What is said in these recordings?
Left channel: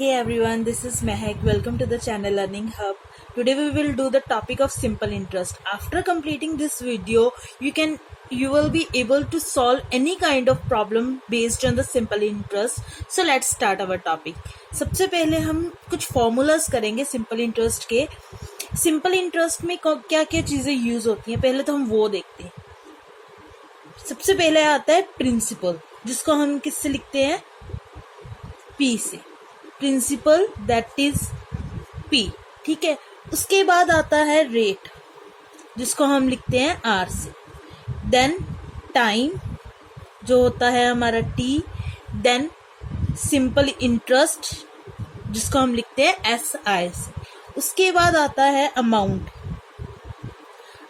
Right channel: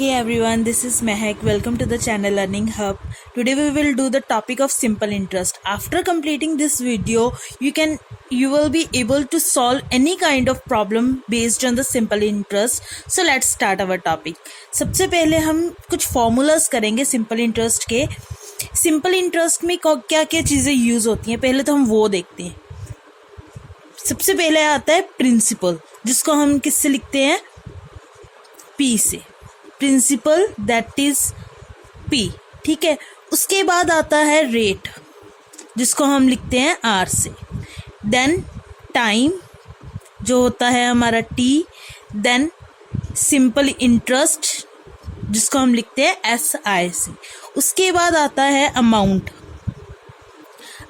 Hey everyone, this is Mehak. Welcome to the channel Learning Hub. Today we will do the topic of simple interest. After completing this video, you will be able to solve any kind of problem based on the simple interest. So let's start our topic. सबसे पहले हम कुछ formulas करेंगे simple interest के. Simple interest में क्या क्या चीज़ें यूज़ होती हैं, पहले तो हम वो देखते हैं. सबसे पहले आता है प्रिंसिपल, जिसको हम किससे लिखते हैं, P से. प्रिंसिपल दैट इज P, ठीक है. उसके बाद आता है रेट, जिसको हम लिखते हैं R से. देन टाइम जो होता है हमारा T. देन सिंपल इंटरेस्ट, जिसको हम लिखते हैं SI से. उसके बाद आता है अमाउंट.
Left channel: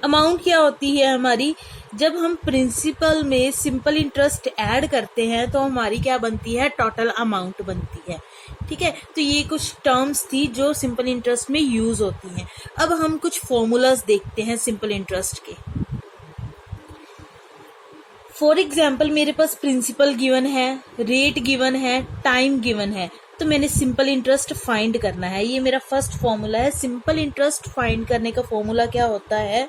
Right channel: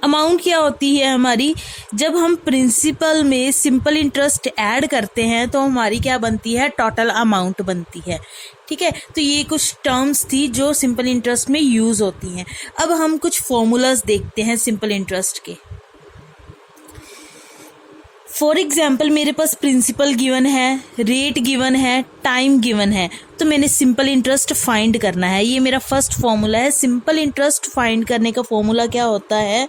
अमाउंट क्या होती है हमारी, जब हम प्रिंसिपल में सिंपल इंटरेस्ट ऐड करते हैं तो हमारी क्या बनती है, टोटल अमाउंट बनती है. ठीक है, तो ये कुछ टर्म्स थी जो सिंपल इंटरेस्ट में यूज़ होती हैं. अब हम कुछ फॉर्मूलाज देखते हैं सिंपल इंटरेस्ट के. फॉर एग्जाम्पल मेरे पास प्रिंसिपल गिवन है, रेट गिवन है, टाइम गिवन है, तो मैंने सिंपल इंटरेस्ट फाइंड करना है. ये मेरा फर्स्ट फॉर्मूला है. सिंपल इंटरेस्ट फाइंड करने का फॉर्मूला क्या होता है,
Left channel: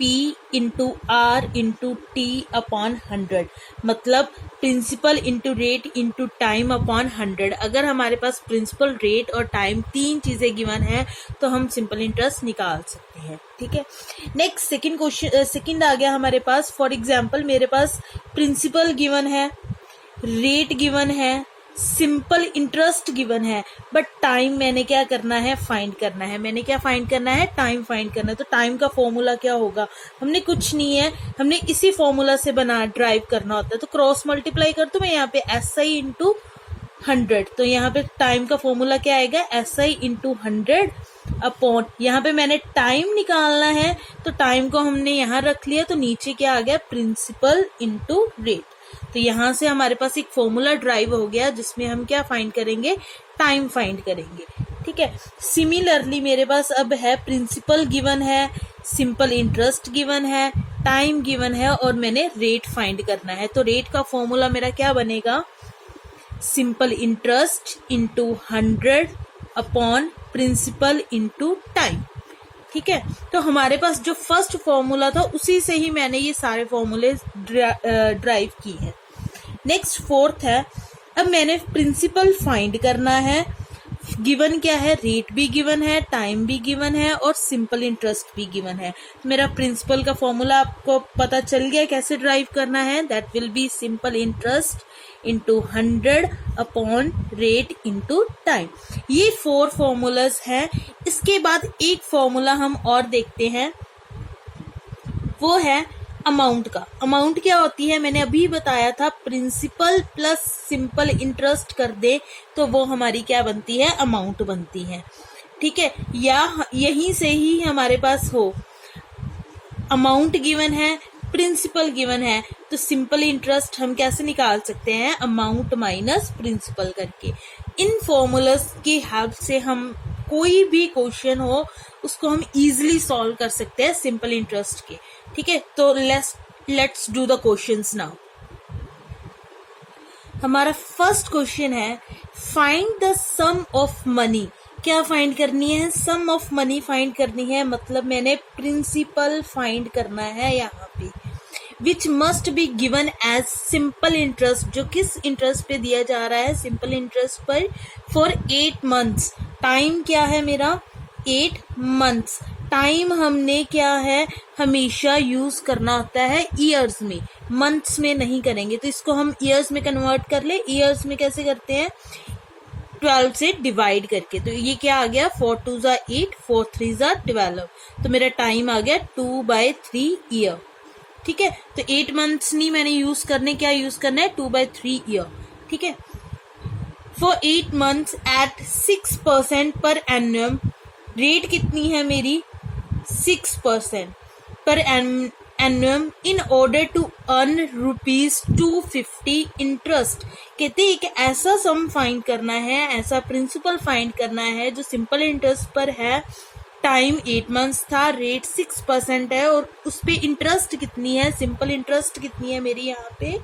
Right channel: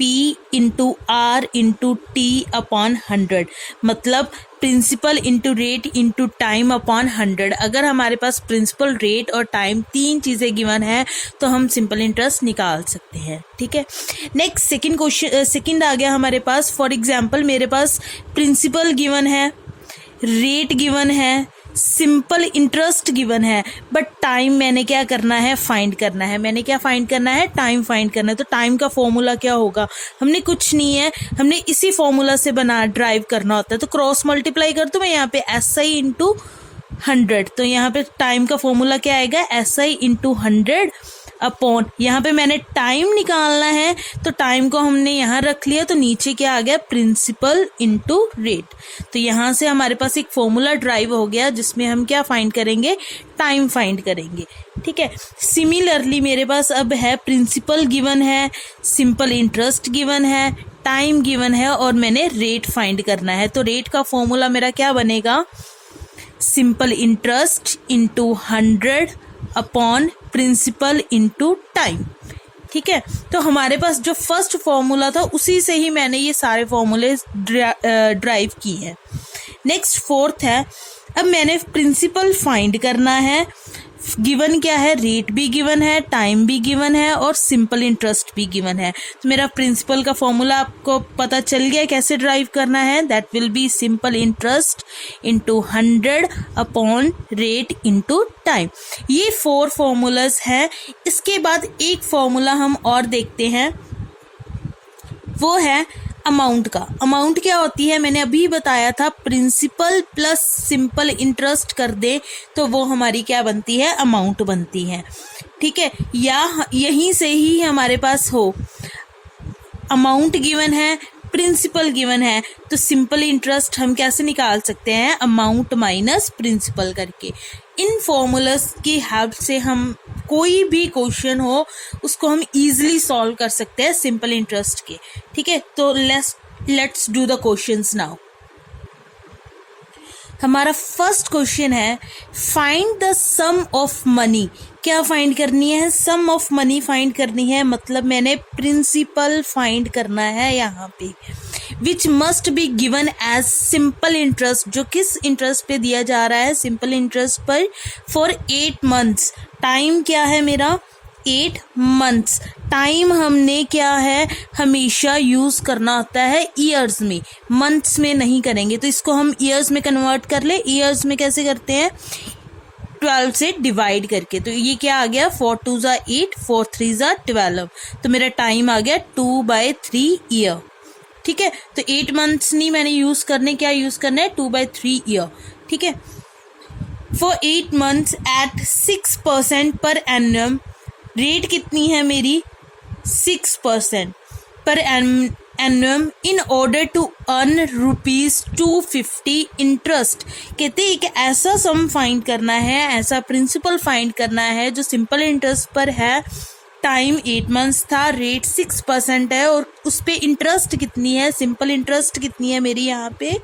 P into R into T upon 100. मतलब principal into rate into time upon 100. अगर हमारे पास प्रिंसिपल, रेट और टाइम तीन चीज़ें गिवन है तो हम सिंपल इंटरेस्ट निकाल सकते हैं. ठीक है. नेक्स्ट सेकंड आ गया हमारे पास. फॉर एग्जांपल मेरे पास प्रिंसिपल गिवन है, रेट गिवन है, सिंपल इंटरेस्ट गिवन है, बट टाइम मैंने क्या करना है, फाइंड करना है. मैंने क्या फाइंड करना है, टाइम फाइंड करना है. तो टाइम का फॉर्मूला क्या होगा, हमने कुछ नहीं है, हमने इसी फॉर्मूला से ड्राइव करना होता है. तो क्रॉस मल्टीप्लाई कर दूं मैं यहाँ पे SI इंटू 100. तो यहाँ पे टाइम का फॉर्मूला क्या आएगा, SI इंटू 100 अपॉन, यहाँ पे मैंने टाइम निकालना है तो टाइम को हमने यहाँ रख लिया, तो नीचे क्या आ गया, प्रिंसिपल इंटू रेट. तो यहाँ से हमारे पास एक फॉर्मूला ड्राइव हो गया जिसमें हम क्या फाइंड करेंगे, टाइम फाइंड करेंगे. ठीक है. सिमिलरली मेरे पास अब है प्रिंसिपल गिवन है, सिंपल इंटरेस्ट गिवन है, टाइम गिवन है और मैंने रेट फाइंड करना है. तो रेट का फॉर्मूला मेरा क्या बनेगा, simple interest into 100 upon principal into time. ठीक है. तो हमारे पास जो फर्स्ट फॉर्मूला था उसी से ही मैंने ये सारे फॉर्मूले ड्राइव की है. नेक्स्ट फोर्थ है, अब मैंने प्रिंसिपल फाइंड करना है. गिवन क्या है, रेट भी गिवन है, टाइम भी गिवन है और सिंपल इंटरेस्ट भी गिवन है. तो मेरा प्रिंसिपल का फॉर्मूला आपको पता चल गया कैसे ड्राइव करना है. That will be simple interest into 100 upon rate into time. ये 4 फॉर्मूलाज हैं. इसके बाद एक फॉर्मूला हम और देखते हैं, वो है अमाउंट का. अमाउंट क्या होती है, मैंने अभी बताया था, प्रिंसिपल प्लस सिंपल इंटरेस्ट कर दे तो वो हमारी क्या बनती है, अमाउंट बनती है. ठीक है. या यहीं से ही हमारे पास हो, अमाउंट गिवन है, प्रिंसिपल गिवन है, तो सिंपल इंटरेस्ट हम कैसे निकाल सकते हैं, अमाउंट माइनस प्रिंसिपल करके. इन फॉर्मूलाज की हेल्प से हम कोई भी क्वेश्चन हो उसको हम इजीली सॉल्व कर सकते हैं सिंपल इंटरेस्ट के. ठीक है. तो let's do the questions now. हमारा फर्स्ट क्वेश्चन है, find the sum of money. क्या फाइंड करनी है, सम ऑफ मनी फाइंड करनी है. मतलब मैंने प्रिंसिपल फाइंड करना है यहाँ पे, which must be given as simple interest. जो किस इंटरेस्ट पे दिया जा रहा है, सिंपल इंटरेस्ट पर, फॉर 8 months. टाइम क्या है मेरा, 8 months. टाइम हमने क्या है, हमेशा यूज़ करना होता है ईयर्स में, मंथ्स में नहीं करेंगे. तो इसको हम ईयर्स में कन्वर्ट कर ले. ईयर्स में कैसे करते हैं, 12 से डिवाइड करके. तो ये क्या आ गया, 4 2 ज़ा 8, 4 3 ज़ा 12. तो मेरा टाइम आ गया 2/3 ईयर. ठीक है. तो 8 months नहीं मैंने यूज़ करने, क्या यूज़ करना है, 2/3 ईयर. ठीक है. For 8 months eight 6% per annum. Rate कितनी है मेरी, 6% per annum in order to earn ₹250 interest. कहते हैं कि ऐसा सम फाइंड करना है, ऐसा प्रिंसिपल फाइंड करना है जो सिंपल इंटरेस्ट पर है. टाइम 8 months था, रेट 6% है और उस पर इंटरेस्ट कितनी है, सिंपल इंटरेस्ट कितनी है मेरी यहाँ पे,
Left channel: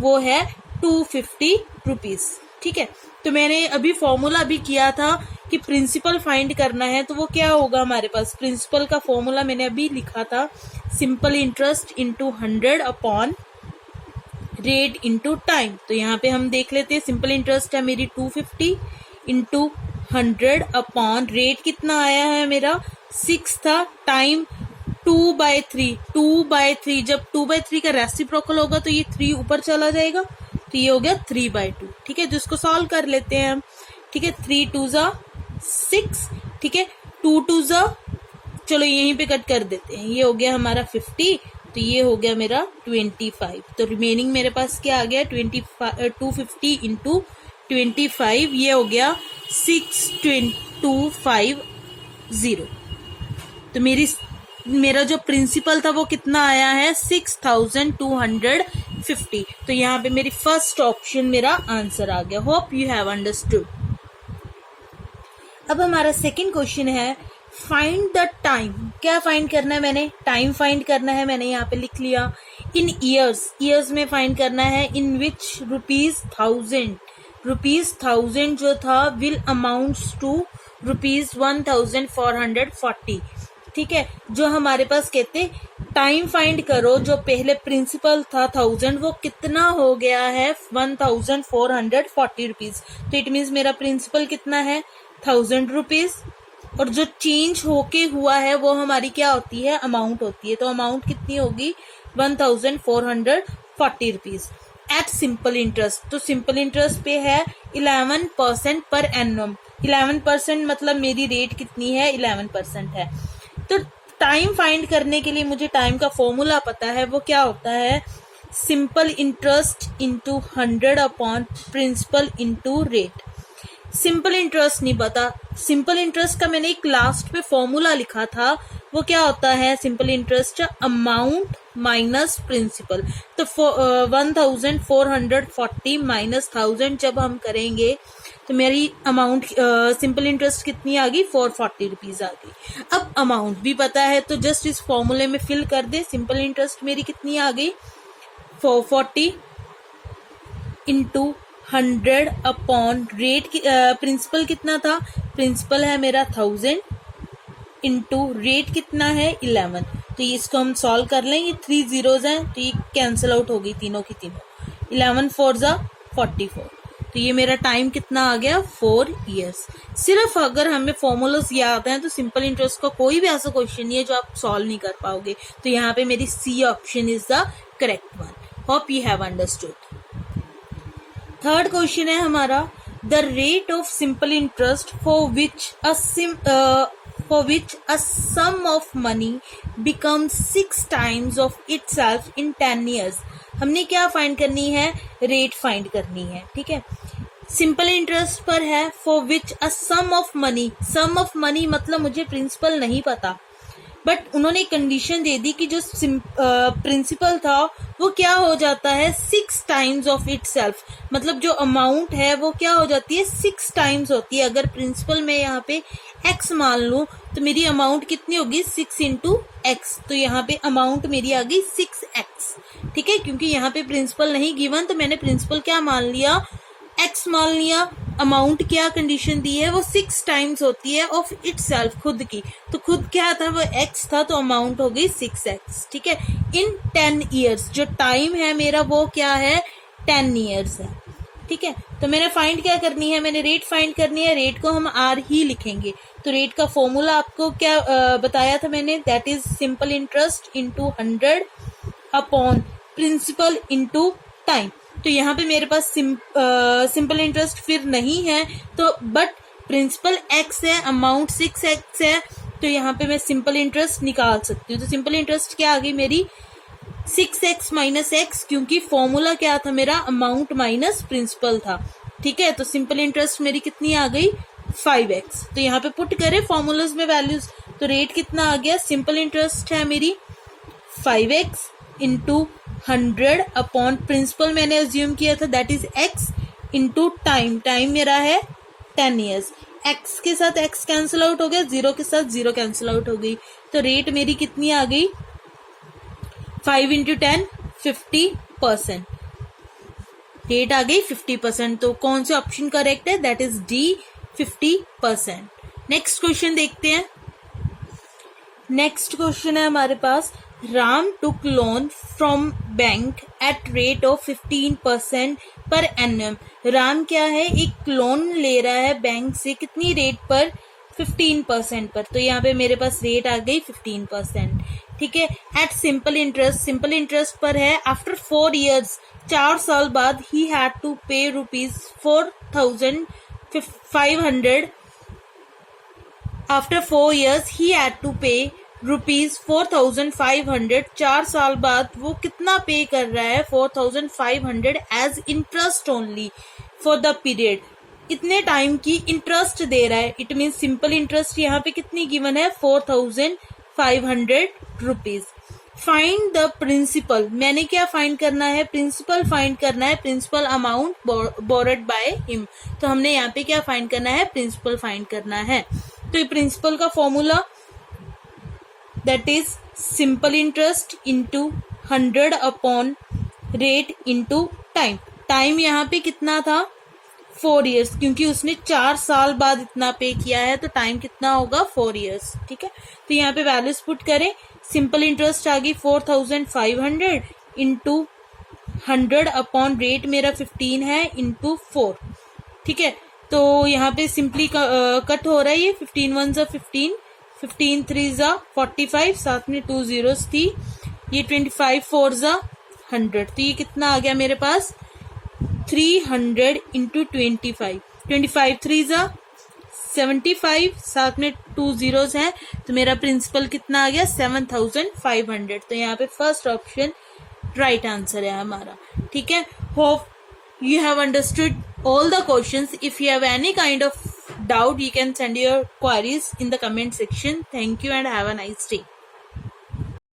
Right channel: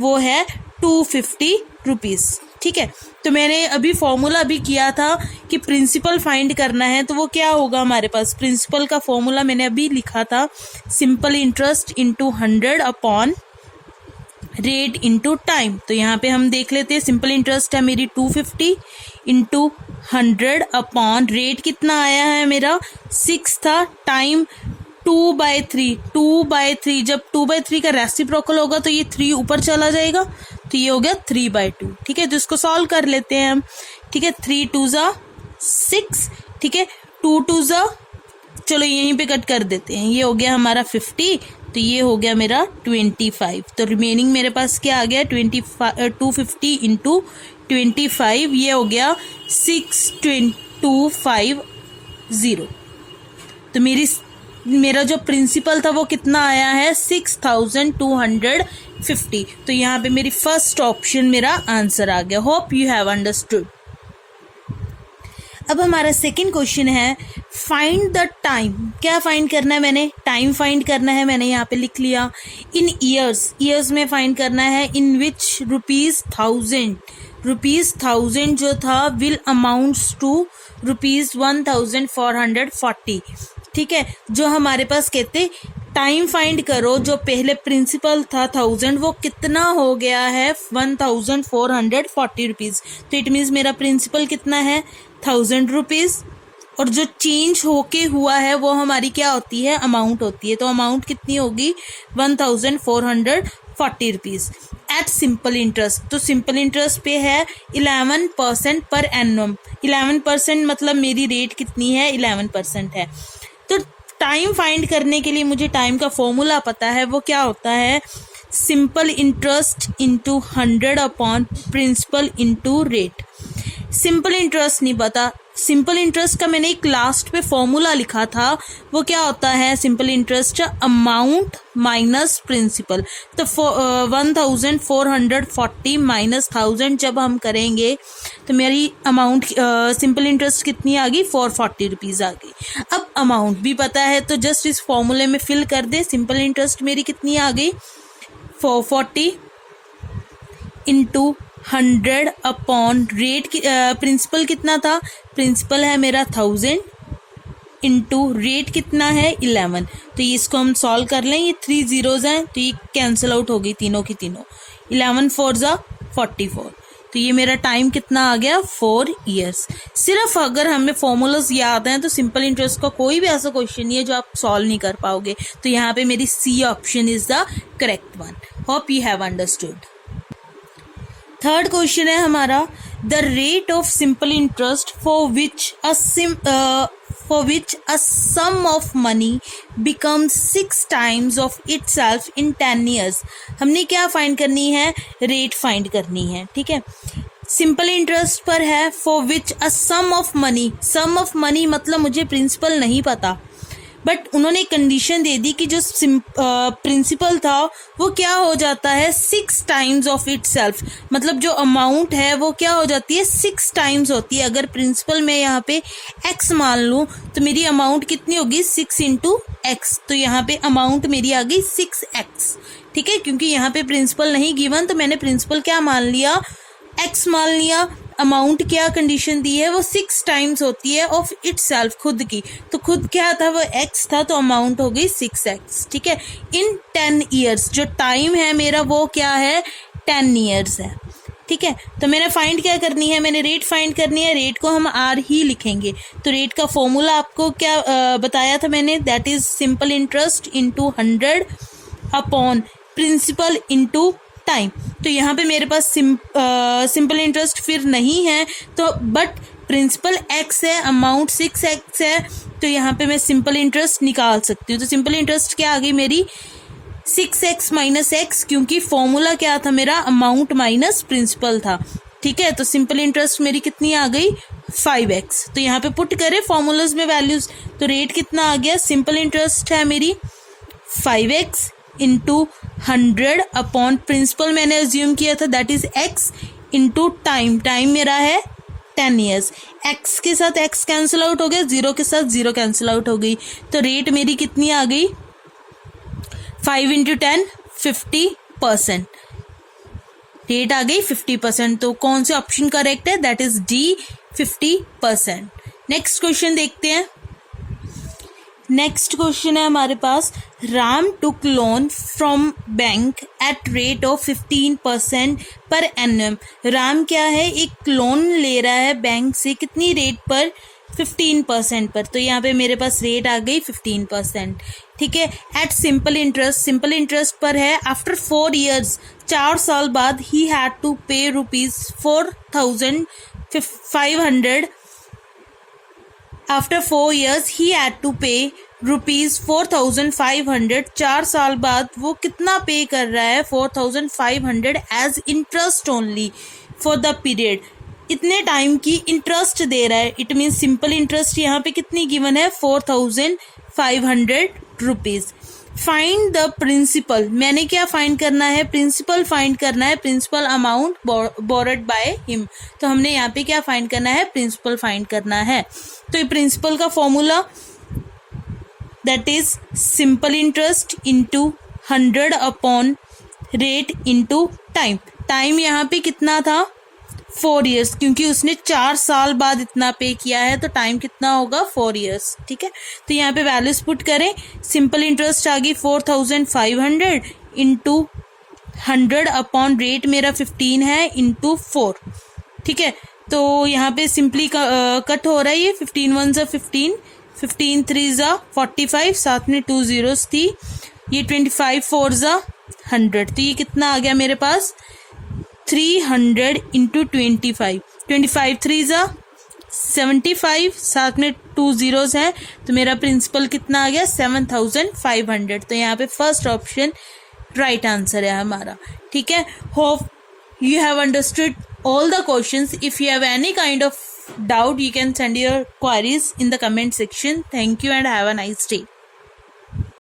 वो है ₹250. ठीक है। तो मैंने अभी फॉर्मूला भी किया था कि प्रिंसिपल फाइंड करना है, तो वो क्या होगा हमारे पास, प्रिंसिपल का फॉर्मूला मैंने अभी लिखा था, simple interest into 100 upon rate into time. तो यहाँ पे हम देख लेते हैं, सिंपल इंटरेस्ट है मेरी 250 इंटू 100 अपॉन रेट कितना आया है मेरा 6 था, टाइम 2/3, 2/3, जब 2/3 का रेसिप्रोकल होगा तो ये 3 ऊपर चला जाएगा, तो ये हो गया 3/2। ठीक है, तो इसको सॉल्व कर लेते हैं हम। ठीक है, 3 2 ज़ा 6, ठीक है, 2 2 ज़ा, चलो यहीं पे कट कर देते हैं, ये हो गया हमारा 50, तो ये हो गया मेरा 25। तो रिमेनिंग मेरे पास क्या आ गया, 250 इंटू 25, ये हो गया 6250। तो मेरा जो प्रिंसिपल था वो कितना आया है, 6250। तो यहाँ पे मेरी फर्स्ट ऑप्शन मेरा आंसर आ गया। Hope you have understood. अब हमारा सेकंड क्वेश्चन है, फाइंड द टाइम। क्या फाइंड करना है, मैंने टाइम फाइंड करना है, मैंने यहाँ पे लिख लिया। इन ईयर्स में फाइंड करना है, इन विच ₹1000 जो था विल अमाउंट्स टू ₹1440। ठीक है, जो हमारे पास कहते टाइम फाइंड करो, जो पहले प्रिंसिपल था 1000 वो कितना हो गया है 1440 रुपीज। तो इट मीन्स मेरा प्रिंसिपल कितना है 1000 रुपीज, और जो चेंज होके हुआ है वो हमारी क्या होती है, अमाउंट होती है। तो अमाउंट कितनी होगी 1440 रुपीज एट सिंपल इंटरेस्ट। तो सिंपल इंटरेस्ट पे है 11% पर एनम। 11% मतलब मेरी रेट कितनी है, 11% है। तो टाइम फाइंड करने के लिए मुझे टाइम का फॉर्मूला पता है, वो क्या होता है, simple interest into 100 upon principal into rate. Simple interest नहीं पता, सिंपल इंटरेस्ट का मैंने एक लास्ट पे फॉर्मूला लिखा था, वो क्या होता है, simple interest amount minus principal. तो 1440 माइनस 1000 जब हम करेंगे तो मेरी अमाउंट सिंपल इंटरेस्ट कितनी आ गई, 440 रुपीज़ आ गई। अब अमाउंट भी पता है तो जस्ट इस फॉर्मूले में फिल कर दे। सिंपल इंटरेस्ट मेरी कितनी आ गई 440 इंटू 100 अपॉन रेट। प्रिंसिपल कितना था, प्रिंसिपल है मेरा 1000 इंटू रेट कितना है 11। तो इसको हम सॉल्व कर लें, ये 3 zeros हैं तो ये कैंसिल आउट हो गई तीनों की तीनों। 11 4 ज़ा 44। तो ये मेरा टाइम कितना आ गया 4 years। सिर्फ अगर हमें फॉर्मूलाज याद हैं तो सिंपल इंटरेस्ट का कोई भी ऐसा क्वेश्चन नहीं है जो आप सॉल्व नहीं कर पाओगे। तो यहाँ पे मेरी C option is the correct one. Hope you have understood. Third question है हमारा, the rate of simple interest for which a sum of money becomes 6 times of itself in 10 years। हमने क्या फाइंड करनी है, रेट फाइंड करनी है। ठीक है, सिंपल इंटरेस्ट पर है, for which a sum of money मतलब मुझे प्रिंसिपल नहीं पता, बट उन्होंने कंडीशन दे दी कि जो प्रिंसिपल था वो क्या हो जाता है 6 times ऑफ इटसेल्फ, मतलब जो अमाउंट है वो क्या हो जाती है 6 times होती है। अगर प्रिंसिपल मैं यहाँ पे x मान लूँ तो मेरी अमाउंट कितनी होगी 6 into x। तो यहाँ पे अमाउंट मेरी आ गई 6x। ठीक है, क्योंकि यहाँ पे प्रिंसिपल नहीं गिवन तो मैंने प्रिंसिपल क्या मान लिया, x मान लिया। अमाउंट क्या कंडीशन दी है, वो 6 times होती है ऑफ इटसेल्फ, खुद की। तो खुद क्या था, वो x था, तो अमाउंट हो गई 6x। ठीक है, इन 10 years जो टाइम है मेरा वो क्या है 10 years है। ठीक है, तो मैंने फाइंड क्या करनी है, मैंने रेट फाइंड करनी है। रेट को हम r ही लिखेंगे। तो रेट का फॉर्मूला आपको क्या बताया था मैंने, that is simple interest into 100 upon principal into time. तो यहाँ पे मेरे पास सिंपल इंटरेस्ट फिर नहीं है, तो बट प्रिंसिपल x है, अमाउंट 6x है, तो यहाँ पे मैं सिंपल इंटरेस्ट निकाल सकती हूँ। तो सिंपल इंटरेस्ट क्या आ गई मेरी 6x माइनस x, क्योंकि फॉर्मूला क्या था मेरा, अमाउंट माइनस प्रिंसिपल था। ठीक है, तो सिंपल इंटरेस्ट मेरी कितनी आ गई 5x। तो यहाँ पे पुट करें फॉर्मूलाज में वैल्यूज, तो रेट कितना आ गया, सिंपल इंटरेस्ट है मेरी 5x इंटू 100 अपॉन प्रिंसिपल मैंने अज्यूम किया था that is x into time. Time मेरा है 10 years। x के साथ x कैंसिल आउट हो गया, 0 के साथ 0 कैंसिल आउट हो गई। तो रेट मेरी कितनी आ गई 5 into 10 50%। रेट आ गई 50%। तो कौन से ऑप्शन करेक्ट है? That is D, 50%। Next question देखते हैं। नेक्स्ट क्वेश्चन है हमारे पास, Ram took loan from bank at rate of 15% पर एनम। राम क्या है, एक लोन ले रहा है बैंक से, कितनी रेट पर? 15% पर। तो यहाँ पे मेरे पास रेट आ गई 15%। ठीक है। At simple interest, simple interest पर है। आफ्टर 4 years, 4 साल बाद, ही had to pay ₹4,500। After 4 years he had to pay ₹4,500। 4 साल बाद वो कितना पे कर रहा है? 4,500 as interest only for the period. इतने टाइम की इंटरेस्ट दे रहा है। इट मीन सिंपल इंटरेस्ट यहाँ पे कितनी गिवन है? 4,500 रुपीज। फाइंड द प्रिंसिपल, मैंने क्या फाइंड करना है? प्रिंसिपल फाइंड करना है, principal amount borrowed by him. तो हमने यहाँ पे क्या फाइंड करना है? प्रिंसिपल फाइंड करना है। तो ये प्रिंसिपल का formula that is simple interest into 100 upon rate into time. Time यहाँ पे कितना था? 4 years, क्योंकि उसने 4 साल बाद इतना पे किया है, तो टाइम कितना होगा? 4 years। ठीक है। तो यहाँ पे वैल्यूज पुट करें। सिंपल इंटरेस्ट आ गई 4,500 इंटू 100 अपॉन रेट मेरा 15 है इंटू 4। ठीक है। तो यहाँ पे सिंपली कट हो रहा है ये। 15 1 ज़ा 15, 15 3 ज़ा 45, साथ में 2 zeros थी। ये 25 4 ज़ा 100। तो ये कितना आ गया मेरे पास? 300 इंटू 25, 25 3 ज़ा 75, साथ में 2 zeros हैं। तो मेरा प्रिंसिपल कितना आ गया? 7,500। तो यहाँ पे फर्स्ट ऑप्शन राइट आंसर है हमारा। ठीक है। Hope you have understood all the questions. If you have any kind of doubt, you can send your queries in the comment section. Thank you and have a nice day.